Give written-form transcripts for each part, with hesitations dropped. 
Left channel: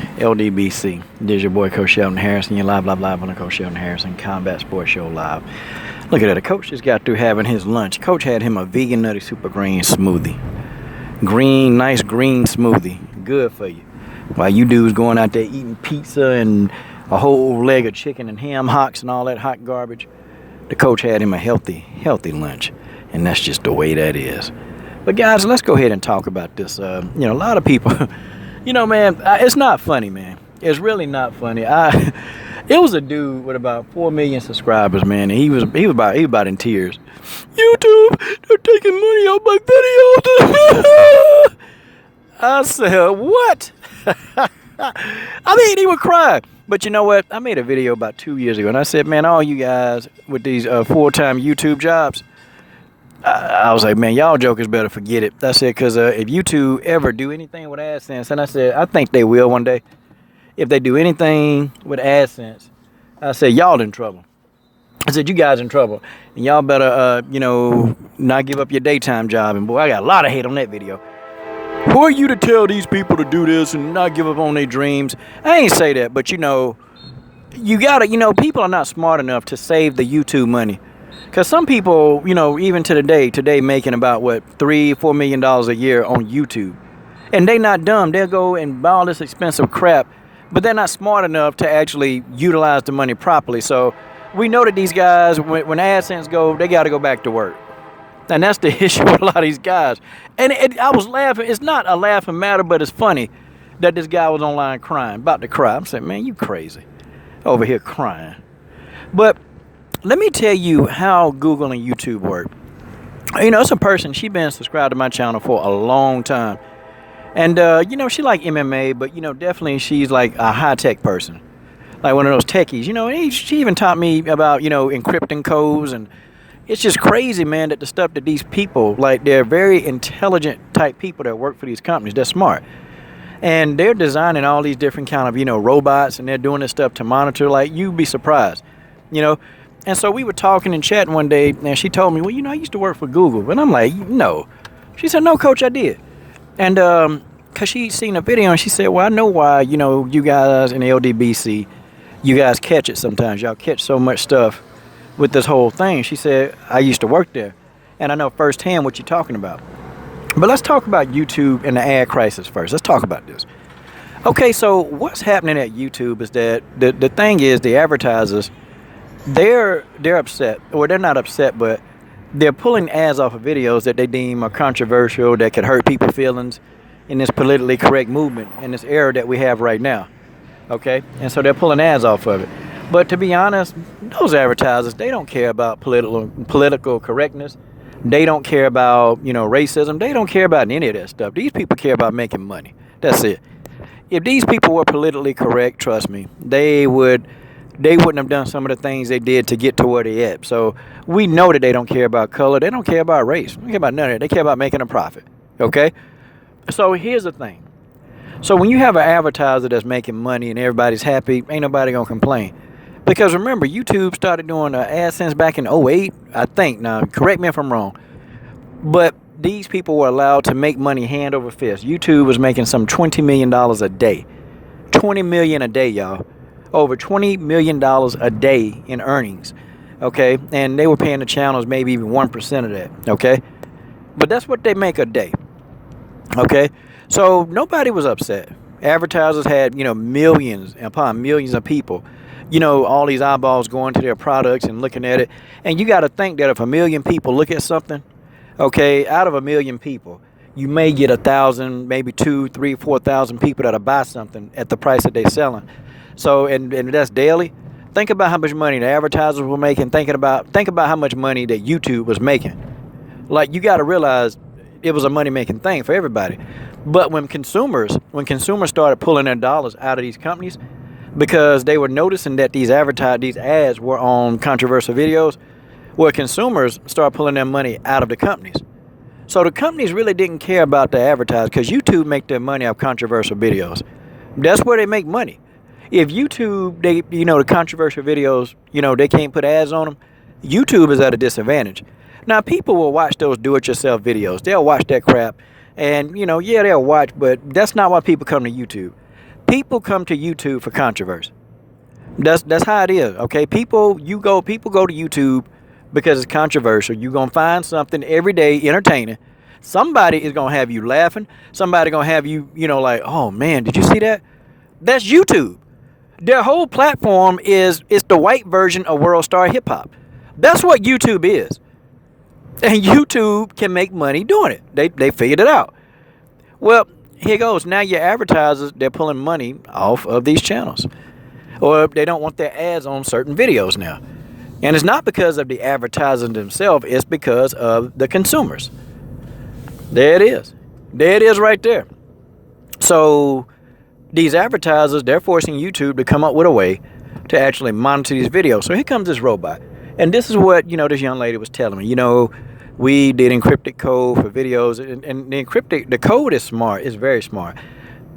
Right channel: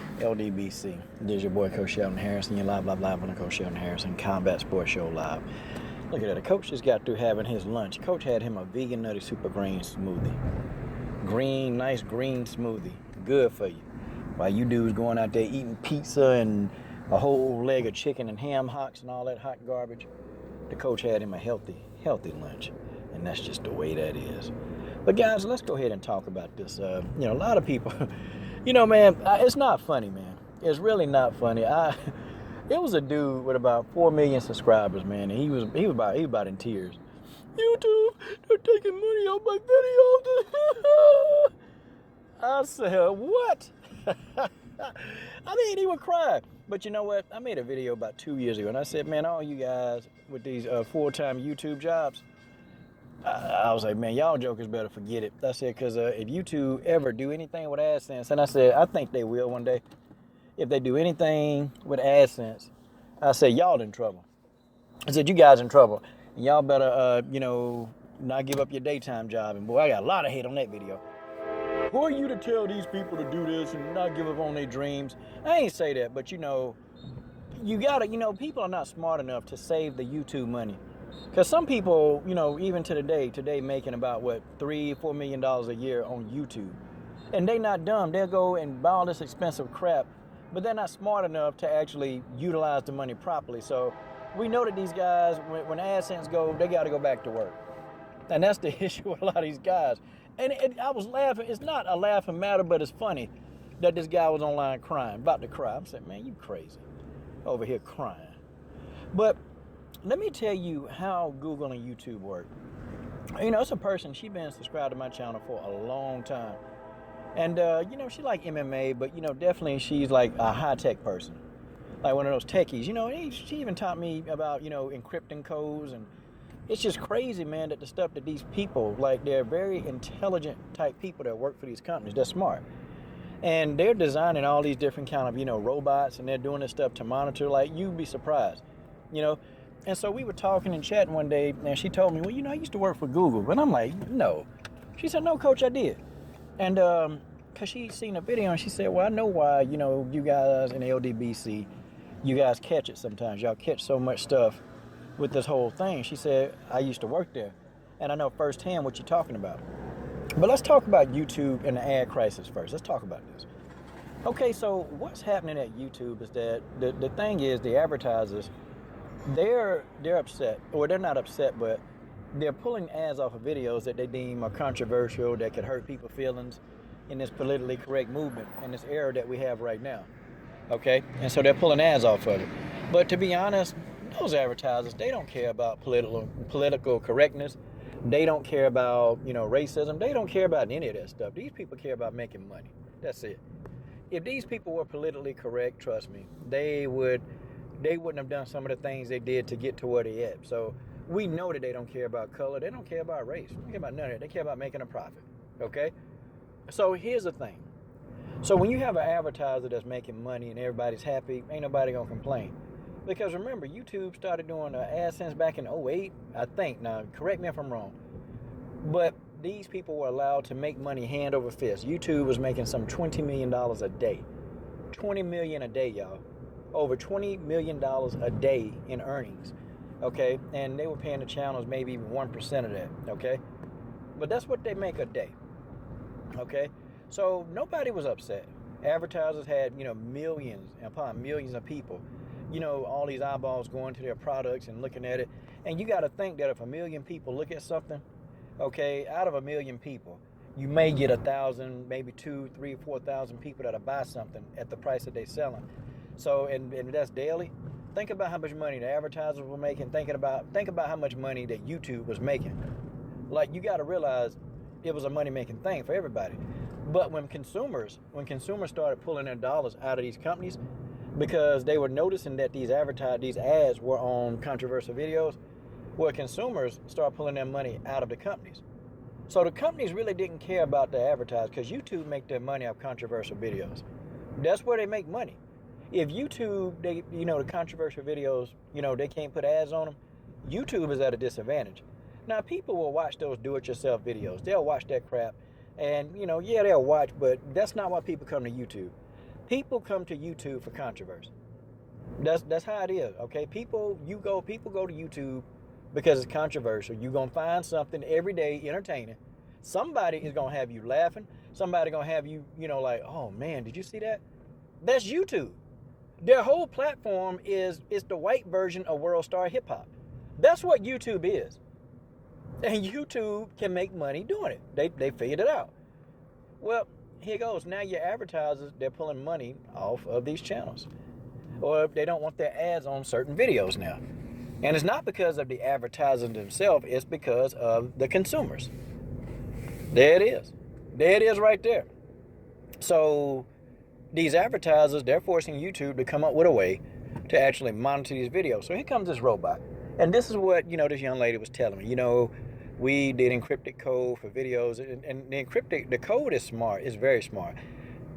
LDBC. This is your boy Coach Sheldon Harrison. You're live on the Coach Sheldon Harrison Combat Sports Show live. Look at that. The coach just got through having his lunch. Coach had him a vegan nutty super green smoothie. Nice green smoothie. Good for you. While you dudes going out there eating pizza and a whole leg of chicken and ham hocks and all that hot garbage, the coach had him a healthy lunch. And that's just the way that is. But guys, let's go ahead and talk about this. A lot of people... man, it's not funny, man. It's really not funny. It was a dude with about 4 million subscribers, man, and he was about in tears. YouTube, they're taking money out my videos. I said, what? He would cry. But you know what? I made a video about 2 years ago, and I said, man, all you guys with these full-time YouTube jobs, I was like, man, y'all jokers better forget it. I said, because if YouTube ever do anything with Adsense, and I said, I think they will one day. If they do anything with Adsense, I said, y'all in trouble. I said, you guys in trouble. And y'all better, not give up your daytime job. And boy, I got a lot of hate on that video. Who are you to tell these people to do this and not give up on their dreams? I ain't say that, but you gotta, people are not smart enough to save the YouTube money. Because some people, even to today making about, $3-4 million a year on YouTube. And they not dumb. They'll go and buy all this expensive crap, but they're not smart enough to actually utilize the money properly. So we know that these guys, when AdSense go, they got to go back to work. And that's the issue with a lot of these guys. And I was laughing. It's not a laughing matter, but it's funny that this guy was online crying, about to cry. I'm saying, man, you crazy. Over here crying. But let me tell you how Google and YouTube work. It's a person, she been subscribed to my channel for a long time. And, she like MMA, but, definitely she's like a high-tech person. Like one of those techies, and she even taught me about, encrypting codes. And it's just crazy, man, that the stuff that these people, like they're very intelligent type people that work for these companies. They're smart. And they're designing all these different kind of, robots, and they're doing this stuff to monitor. Like, you'd be surprised, And so we were talking and chatting one day, and she told me, well, I used to work for Google. But I'm like, no. She said, no, Coach, I did. And because she seen a video, and she said, well, I know why, you guys in the LDBC, you guys catch it sometimes. Y'all catch so much stuff with this whole thing. She said, I used to work there, and I know firsthand what you're talking about. But let's talk about YouTube and the ad crisis first. Let's talk about this. Okay, so what's happening at YouTube is that the thing is the advertisers, they're upset, or they're not upset, but they're pulling ads off of videos that they deem are controversial, that could hurt people's feelings in this politically correct movement, in this era that we have right now. Okay? And so they're pulling ads off of it. But to be honest, those advertisers, they don't care about political correctness. They don't care about, racism. They don't care about any of that stuff. These people care about making money. That's it. If these people were politically correct, trust me, they wouldn't have done some of the things they did to get to where they at. So we know that they don't care about color. They don't care about race. They don't care about none of that. They care about making a profit. Okay? So here's the thing. So when you have an advertiser that's making money and everybody's happy, ain't nobody going to complain. Because remember, YouTube started doing AdSense back in '08, I think. Now, correct me if I'm wrong. But these people were allowed to make money hand over fist. YouTube was making some $20 million a day. $20 million a day, y'all. Over $20 million a day in earnings, okay? And they were paying the channels maybe even 1% of that, okay? But that's what they make a day, okay? So nobody was upset. Advertisers had, millions upon millions of people, all these eyeballs going to their products and looking at it. And you got to think that if 1 million people look at something, okay, out of 1 million people, you may get 1,000, maybe 2, 3, 4,000 people that'll buy something at the price that they're selling. So, and that's daily. Think about how much money the advertisers were making. Think about how much money that YouTube was making. Like, you got to realize it was a money-making thing for everybody. But when consumers started pulling their dollars out of these companies because they were noticing that these ads were on controversial videos, well, consumers started pulling their money out of the companies. So the companies really didn't care about the advertisers because YouTube make their money off controversial videos. That's where they make money. If YouTube, the controversial videos, they can't put ads on them, YouTube is at a disadvantage. Now, people will watch those do-it-yourself videos. They'll watch that crap. And, they'll watch, but that's not why people come to YouTube. People come to YouTube for controversy. That's how it is. Okay, people go to YouTube because it's controversial. You're gonna find something every day entertaining. Somebody is gonna have you laughing. Somebody gonna have you, like, oh man, did you see that? That's YouTube. Their whole platform is the white version of World Star Hip Hop. That's what YouTube is. And YouTube can make money doing it. They figured it out. Well, here goes. Now your advertisers, they're pulling money off of these channels. Or they don't want their ads on certain videos now. And it's not because of the advertisers themselves, it's because of the consumers. There it is. There it is right there. So these advertisers, they're forcing YouTube to come up with a way to actually monitor these videos. So here comes this robot. And this is what, this young lady was telling me. We did encrypted code for videos, and the code is smart. It's very smart.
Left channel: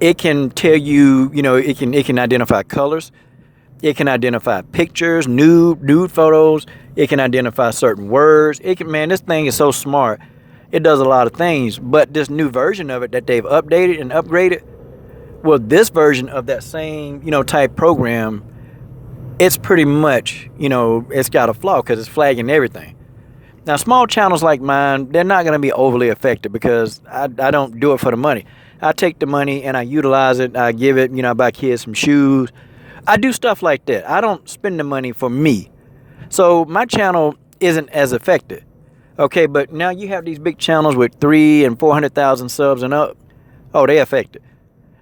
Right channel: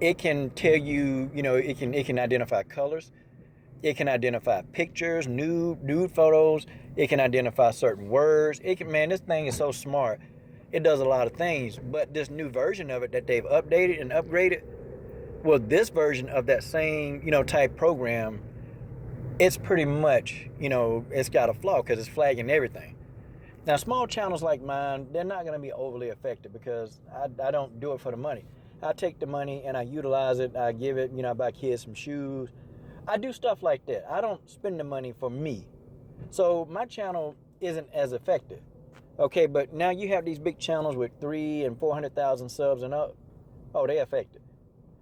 It can tell you, it can identify colors. It can identify pictures, nude photos. It can identify certain words. This thing is so smart. It does a lot of things. But this new version of it that they've updated and upgraded, well, this version of that same, type program, it's pretty much, it's got a flaw because it's flagging everything. Now, small channels like mine, they're not going to be overly affected because I don't do it for the money. I take the money and I utilize it. I give it, I buy kids some shoes. I do stuff like that. I don't spend the money for me. So my channel isn't as affected. Okay, but now you have these big channels with 300,000 and 400,000 subs and up. Oh, they affected.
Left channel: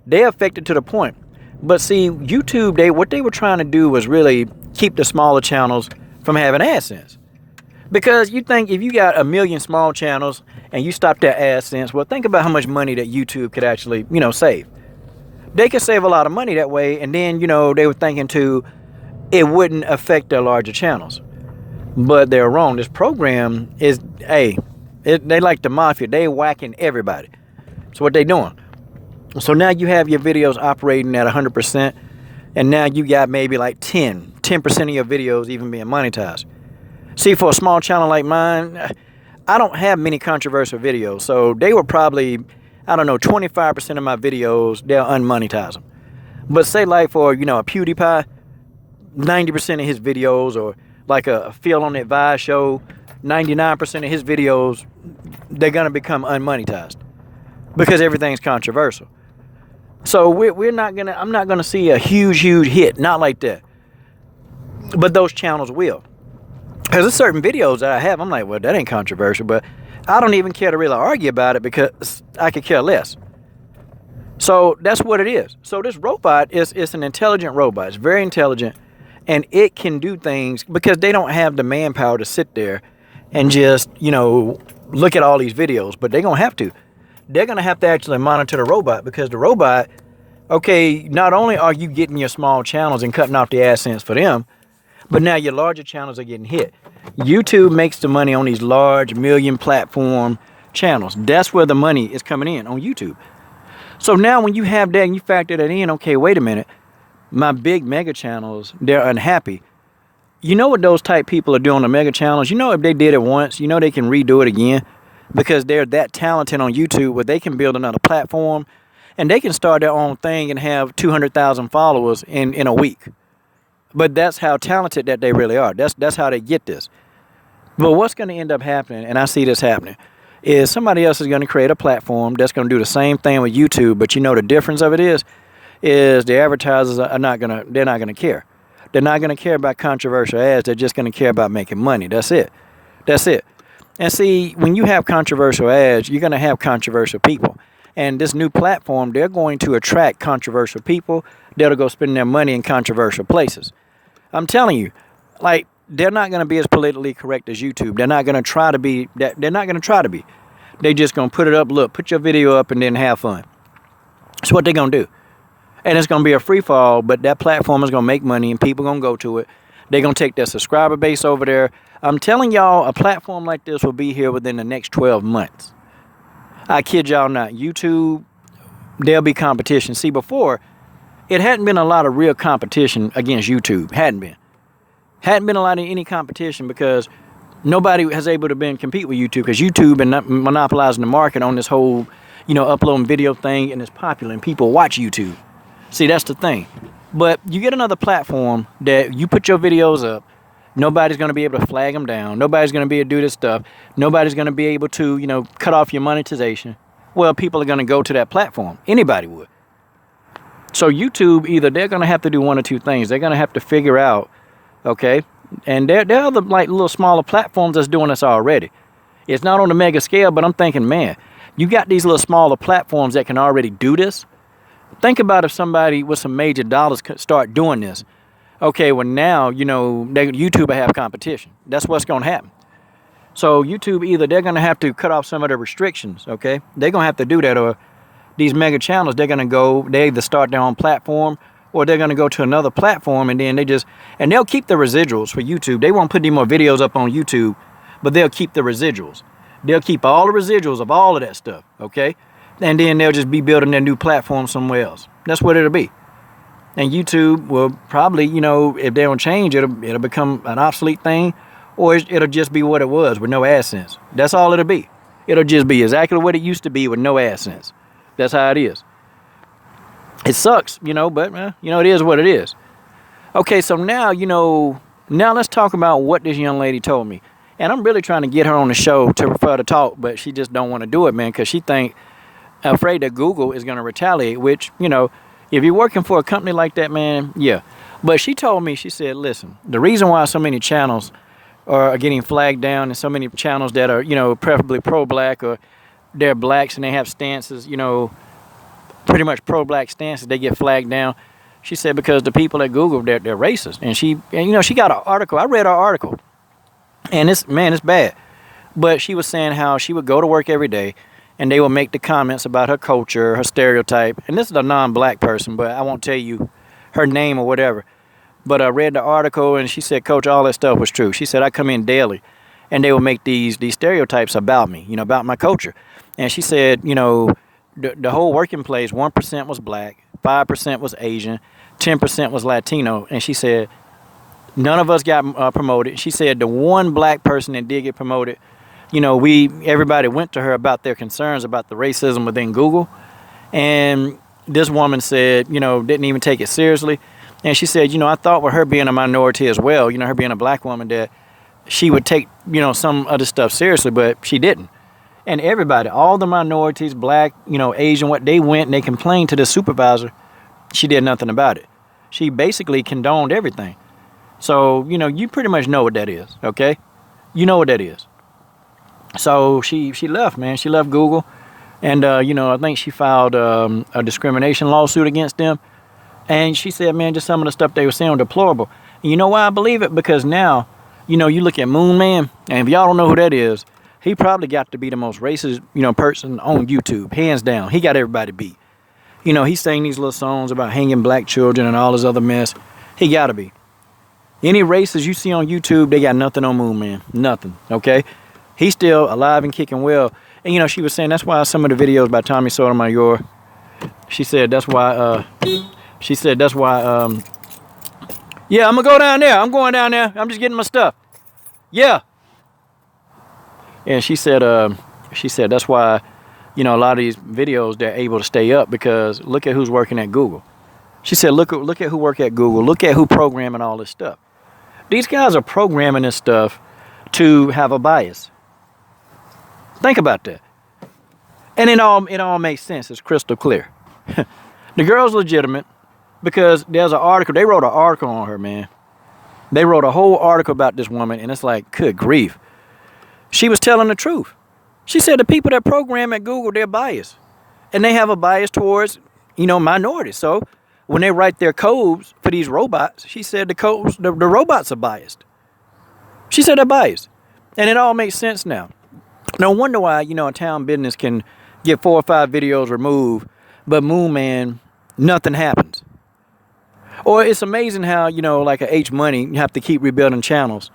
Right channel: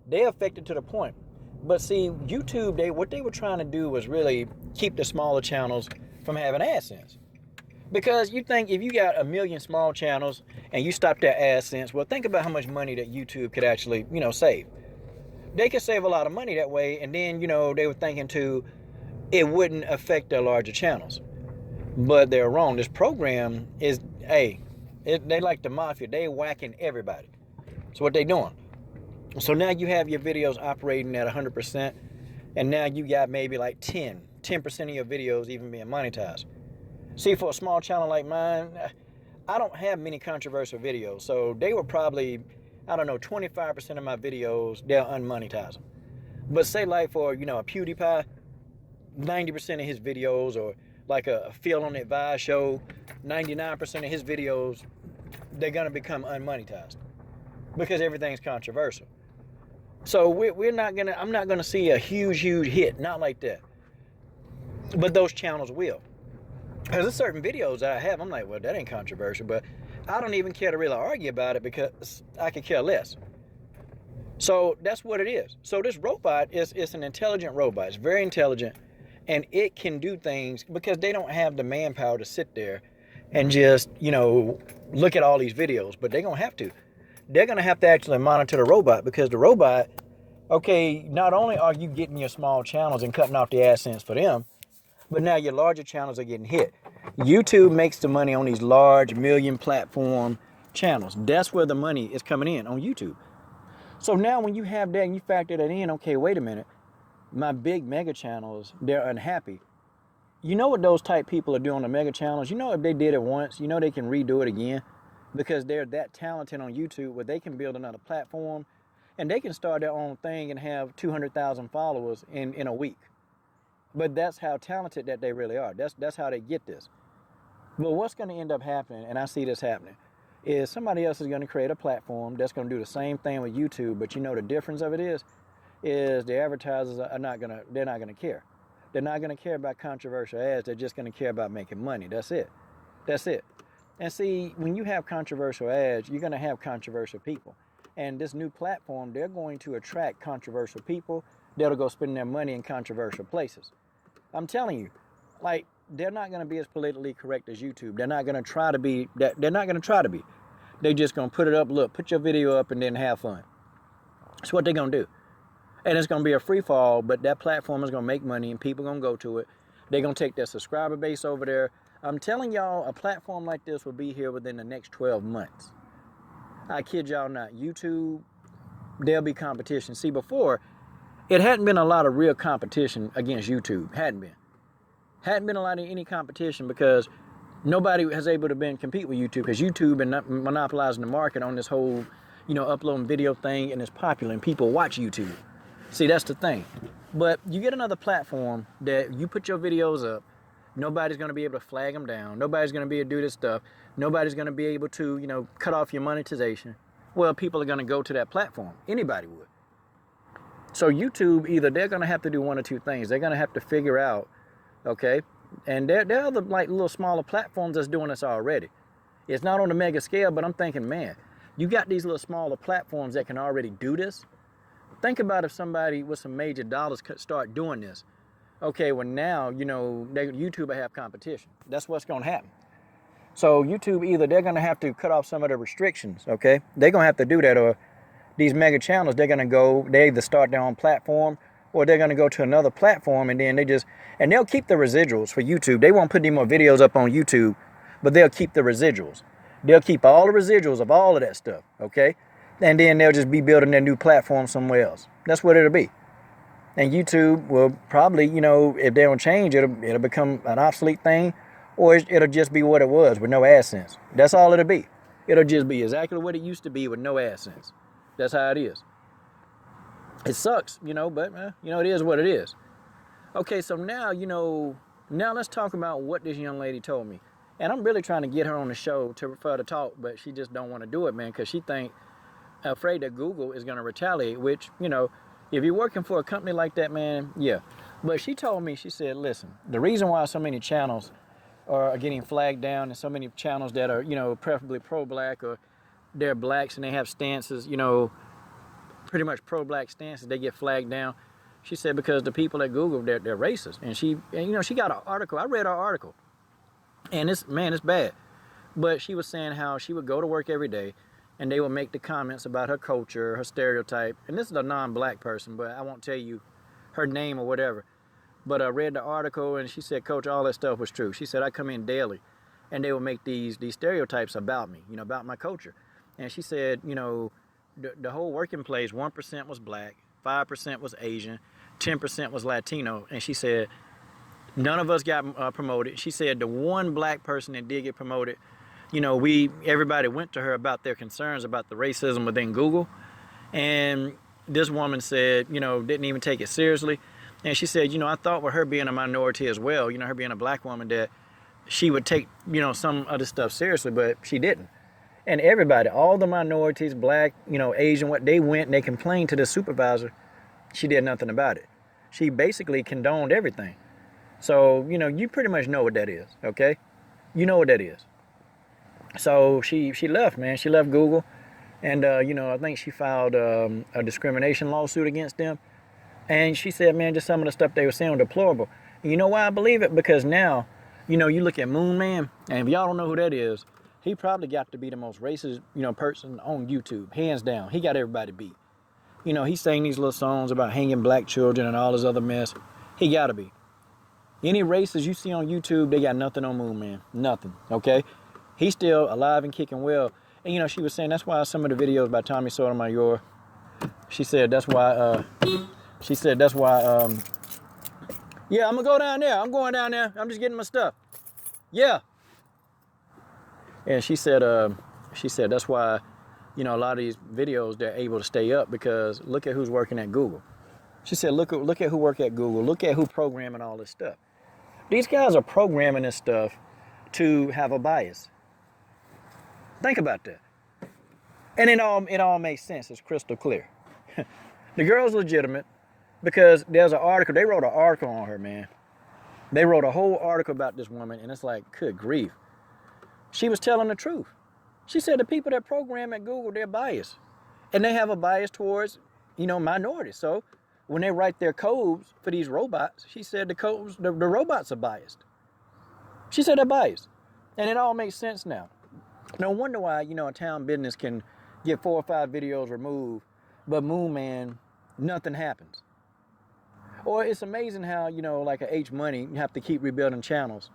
They affected to the point. But see, YouTube, what they were trying to do was really keep the smaller channels from having AdSense. Because you think if you got 1 million small channels and you stop their AdSense, well, think about how much money that YouTube could actually, save. They could save a lot of money that way, and then, they were thinking too, it wouldn't affect their larger channels. But they're wrong. This program is, they like the mafia. They whacking everybody. So what they doing? So now you have your videos operating at 100%, and now you got maybe like 10% of your videos even being monetized. See, for a small channel like mine, I don't have many controversial videos. So they were probably, 25% of my videos, they'll unmonetize them. But say like for, a PewDiePie, 90% of his videos, or like a Phil on the Advice show, 99% of his videos, they're going to become unmonetized because everything's controversial. So I'm not going to see a huge hit, not like that. But those channels will. Because there's certain videos that I have, I'm like, well, that ain't controversial, but I don't even care to really argue about it because I could care less. So that's what it is. So this robot it's an intelligent robot. It's very intelligent, and it can do things because they don't have the manpower to sit there and just, look at all these videos, but they're going to have to. They're going to have to actually monitor the robot because the robot, okay, not only are you getting your small channels and cutting off the AdSense for them, but now your larger channels are getting hit. YouTube makes the money on these large million platform channels. That's where the money is coming in, on YouTube. So now when you have that and you factor that in, okay, wait a minute. My big mega channels, they're unhappy. You know what those type people are doing on the mega channels? If they did it once, they can redo it again because they're that talented on YouTube where they can build another platform and they can start their own thing and have 200,000 followers in a week. But that's how talented that they really are. That's how they get this. But what's going to end up happening, and I see this happening, is somebody else is going to create a platform that's going to do the same thing with YouTube. But the difference of it is the advertisers they're not going to care. They're not going to care about controversial ads. They're just going to care about making money. That's it. And see, when you have controversial ads, you're going to have controversial people. And this new platform, they're going to attract controversial people. They'll go spend their money in controversial places. I'm telling you, they're not going to be as politically correct as YouTube. They're not going to try to be. They're not going to try to be. They're just going to put it up. Look, put your video up and then have fun. That's what they're going to do. And it's going to be a free fall, but that platform is going to make money and people are going to go to it. They're going to take their subscriber base over there. I'm telling y'all, a platform like this will be here within the next 12 months. I kid y'all not. YouTube, there'll be competition. See, before, it hadn't been a lot of real competition against YouTube. Hadn't been a lot of any competition because nobody has able to compete with YouTube because YouTube been monopolizing the market on this whole, uploading video thing, and it's popular and people watch YouTube. See, that's the thing. But you get another platform that you put your videos up. Nobody's going to be able to flag them down. Nobody's going to be able to do this stuff. Nobody's going to be able to, cut off your monetization. Well, people are going to go to that platform. Anybody would. So YouTube, either they're going to have to do one or two things. They're going to have to figure out, okay, and there are other like little smaller platforms that's doing this already. It's not on a mega scale, but I'm thinking, man, you got these little smaller platforms that can already do this. Think about if somebody with some major dollars could start doing this. Okay, well now, YouTube will have competition. That's what's going to happen. So YouTube, either they're going to have to cut off some of the restrictions, okay? They're going to have to do that, or these mega channels, they either start their own platform, or they're going to go to another platform, and then they'll keep the residuals for YouTube. They won't put any more videos up on YouTube, but they'll keep the residuals. They'll keep all the residuals of all of that stuff, okay? And then they'll just be building their new platform somewhere else. That's what it'll be. And YouTube will probably, if they don't change, it'll become an obsolete thing, or it'll just be what it was with no AdSense. That's all it'll be. It'll just be exactly what it used to be with no AdSense. That's how it is. It sucks, but, it is what it is. Okay, so now, now let's talk about what this young lady told me. And I'm really trying to get her on the show for her to talk, but she just don't want to do it, man, because she afraid that Google is going to retaliate, which, if you're working for a company like that, man, yeah. But she told me, she said, listen, the reason why so many channels are getting flagged down, and so many channels that are, preferably pro-black, or they're blacks and they have stances, pretty much pro-black stances, they get flagged down. She said because the people at Google, they're racist. And she got an article. I read her article. And it's bad. But she was saying how she would go to work every day, and they would make the comments about her culture, her stereotype. And this is a non-black person, but I won't tell you her name or whatever. But I read the article, and she said, Coach, all that stuff was true. She said, I come in daily, and they would make these stereotypes about me, about my culture. And she said, the whole working place, 1% was black, 5% was Asian, 10% was Latino. And she said, none of us got promoted. She said the one black person that did get promoted, everybody went to her about their concerns about the racism within Google. And this woman said, didn't even take it seriously. And she said, I thought with her being a minority as well, her being a black woman, that she would take, some of the stuff seriously, but she didn't. And everybody, all the minorities, black, Asian, what they went and they complained to the supervisor. She did nothing about it. She basically condoned everything. So, you pretty much know what that is, okay? You know what that is. So she left, man. She left Google. And, I think she filed a discrimination lawsuit against them. And she said, man, just some of the stuff they were saying was deplorable. And you know why I believe it? Because now, you look at Moon Man, and if y'all don't know who that is, he probably got to be the most racist, person on YouTube, hands down. He got everybody beat. He sang these little songs about hanging black children and all this other mess. He got to be. Any racists you see on YouTube, they got nothing on Moon Man. Nothing, okay? He's still alive and kicking well. And, she was saying that's why some of the videos by Tommy Sotomayor, she said that's why, yeah, I'm going to go down there. I'm going down there. I'm just getting my stuff. Yeah. And she said that's why, a lot of these videos, they're able to stay up, because look at who's working at Google. She said, look at who work at Google. Look at who programming all this stuff. These guys are programming this stuff to have a bias. Think about that. And it all makes sense. It's crystal clear. The girl's legitimate because there's an article. They wrote an article on her, man. They wrote a whole article about this woman, and it's like, good grief. She was telling the truth. She said the people that program at Google, they're biased. And they have a bias towards, minorities. So when they write their codes for these robots, she said the robots are biased. She said they're biased. And it all makes sense now. No wonder why, a town business can get 4 or 5 videos removed, but Moon Man, nothing happens. Or it's amazing how, like a H Money, you have to keep rebuilding channels,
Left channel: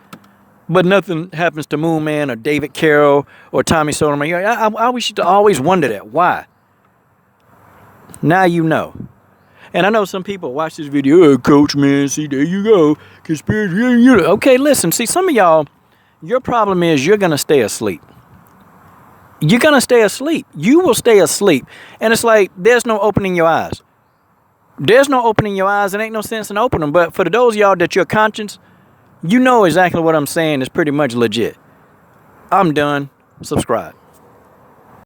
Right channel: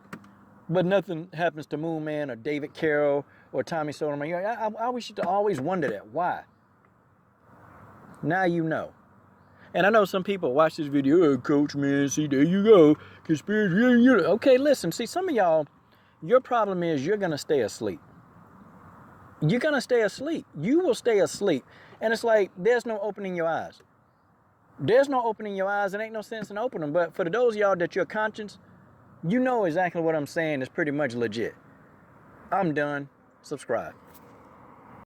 but nothing happens to Moon Man or David Carroll or Tommy Sotomayor. I used to always wonder that. Why? Now you know. And I know some people watch this video, oh, Coach, man, see, there you go. Conspiracy. Okay, listen, see, some of y'all, your problem is you're going to stay asleep. You're going to stay asleep. You will stay asleep. And it's like there's no opening your eyes. There's no opening your eyes. It ain't no sense in opening them. But for those of y'all that your conscience, you know exactly what I'm saying is pretty much legit. I'm done. Subscribe.